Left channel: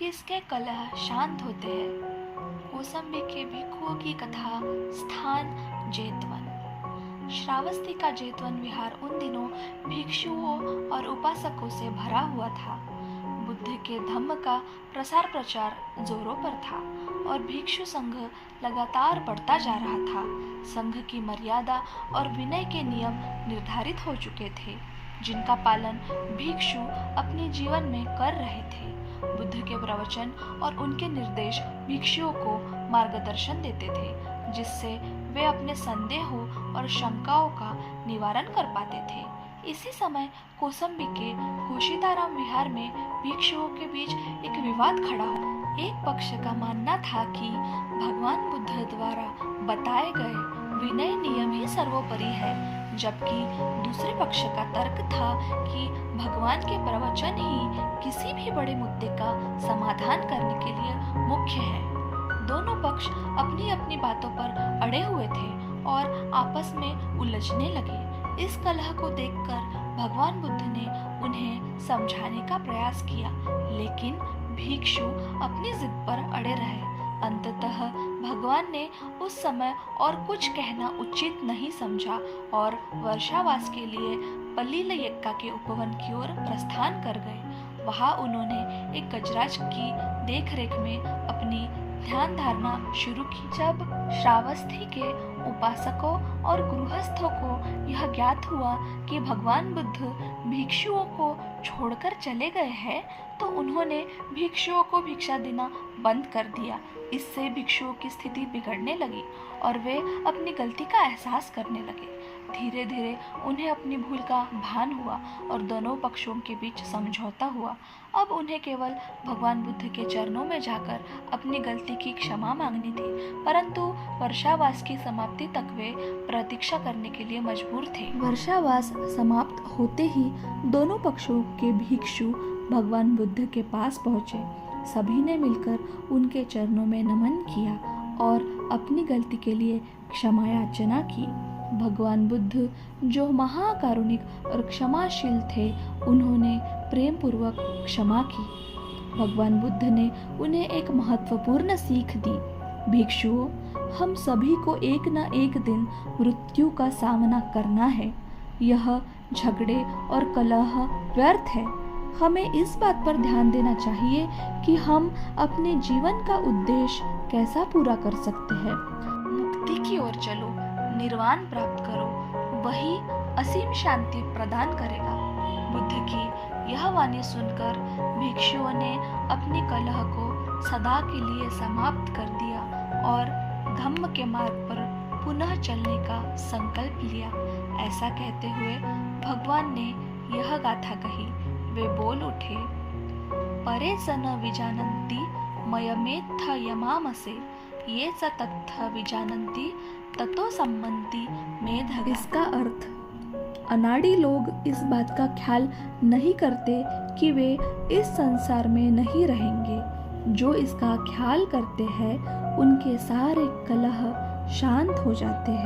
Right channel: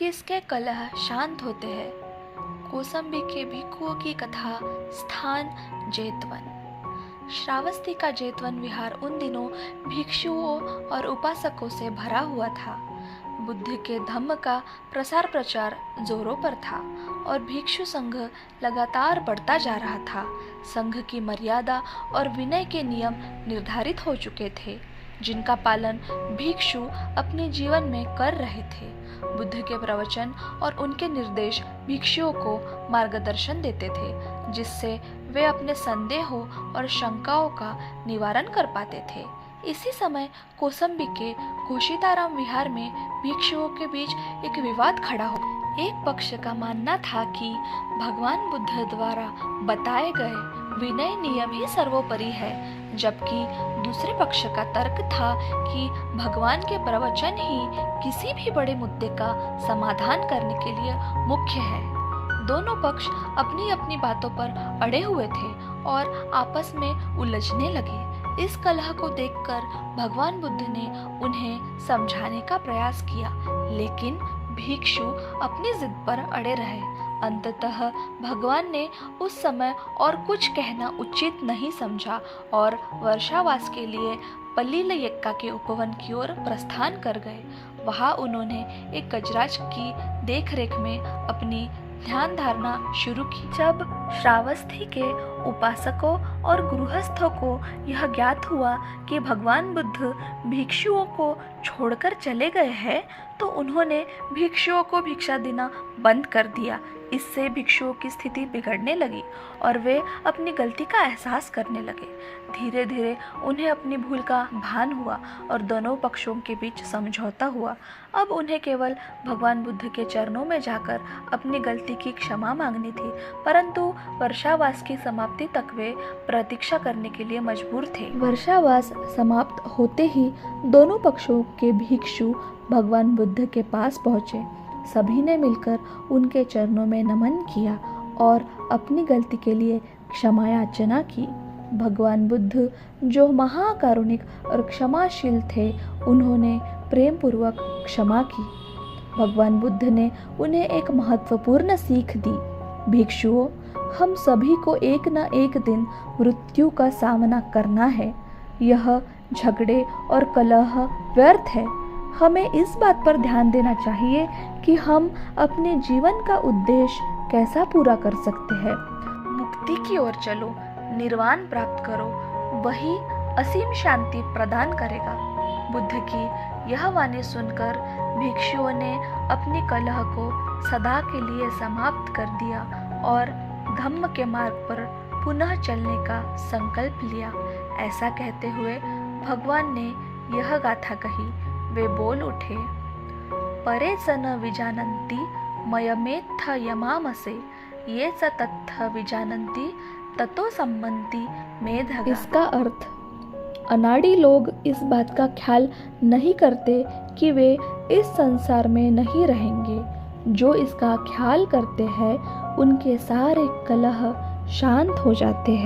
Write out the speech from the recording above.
किसके कलह शांत होते हैं। कौसंबी के भिक्षुओं की कथा। स्थान जेतवन। श्रावस्ती का जेतवन विहार उन दिनों भिक्षुओं और उपासकों से भरा हुआ था। बुद्ध के धम्म का प्रसार प्रचार जोरों पर था और भिक्षु संघ लगातार बढ़ता जा रहा था। संघ की मर्यादा और विनय के नियम निर्धारित हो चुके थे, जिनका पालन भिक्षु अपने जीवन में कर रहे थे। बुद्ध के प्रवचन और उनके निर्देश भिक्षुओं को मार्गदर्शन देते थे, जिससे वे अपने संदेहों और शंकाओं का निवारण कर पाते थे। इसी समय कौसंबी के घोषिताराम विहार में भिक्षुओं के बीच एक विवाद खड़ा हो। एक पक्ष का मानना था कि भगवान बुद्ध द्वारा बताए गए विनय नियम ही सर्वोपरि है, जबकि दूसरे पक्ष का तर्क था कि भगवान के प्रवचन ही किसी भी बड़े मुद्दे का समाधान करने के लिए मुख्य है। दोनों पक्ष अपनी अपनी बातों पर अड़े हुए थे और आपस में उलझने लगे। इस कलह को देखकर भगवान बुद्ध ने उन्हें समझाने का प्रयास किया, लेकिन भिक्षु अपनी जिद पर अड़े रहे। अंततः भगवान ने उस समय और कुछ कहना उचित नहीं समझा और वर्षावास के लिए पल्लील यक्का के उपवन की ओर प्रस्थान कर गए। वहां उन्होंने एक गजराज की देखरेख में अपनी ध्यान धारणा शुरू की। जब श्रावस्ती के उपासकों और गृहस्थों को यह ज्ञात हुआ कि भगवान बुद्ध भिक्षुओं को छोड़कर चले गए हैं, तो उन्होंने भिक्षुओं को भिक्षा देना बंद कर दिया। इससे भिक्षुओं की स्थिति बिगड़ने लगी और वे अपनी गलती का एहसास करने लगे। धीरे धीरे उन्हें अपनी भूल का भान हुआ और दोनों पक्षों के बीच समझौता हुआ। अब उन्हें केवल भगवान बुद्ध के चरणों में जाकर अपनी गलती की क्षमा मांगनी थी, परंतु वर्षावास की समाप्ति तक वे प्रतीक्षा करने के लिए मजबूर थे। वर्षावास समाप्त होते ही दोनों पक्षों के भिक्षु भगवान बुद्ध के पास पहुंचे। सभी ने मिलकर उनके चरणों में नमन किया और अपनी गलती के लिए क्षमा याचना की। भगवान बुद्ध, जो महाकारुणिक और क्षमाशील थे, उन्होंने प्रेम पूर्वक क्षमा की। भगवान बुद्ध ने उन्हें एक महत्वपूर्ण सीख दी। भिक्षुओं, हम सभी को एक न एक दिन मृत्यु का सामना करना है। यह झगड़े और कलह व्यर्थ है। हमें इस बात पर ध्यान देना चाहिए कि हम अपने जीवन का उद्देश्य कैसा पूरा कर सकते हैं। मुक्ति की ओर चलो, निर्वाण प्राप्त करो, वही असीम शांति प्रदान करेगा। बुद्ध की यह वाणी सुनकर भिक्षुओं ने अपनी कलह को सदा के लिए समाप्त कर दिया और धम्म के मार्ग पर पुनः चलने का संकल्प लिया। ऐसा कहते हुए भगवान ने यह गाथा कही। वे बोल उठे, परे च न विजानन्ति मयमेत्थ यमामसे, ये च तत्थ विजानन्ति ततो सम्मन्ति मेधगा। इसका अर्थ, अनाड़ी लोग इस बात का ख्याल नहीं करते कि वे इस संसार में नहीं रहेंगे। जो इसका ख्याल करते हैं, उनके सारे कलह शांत हो जाते हैं।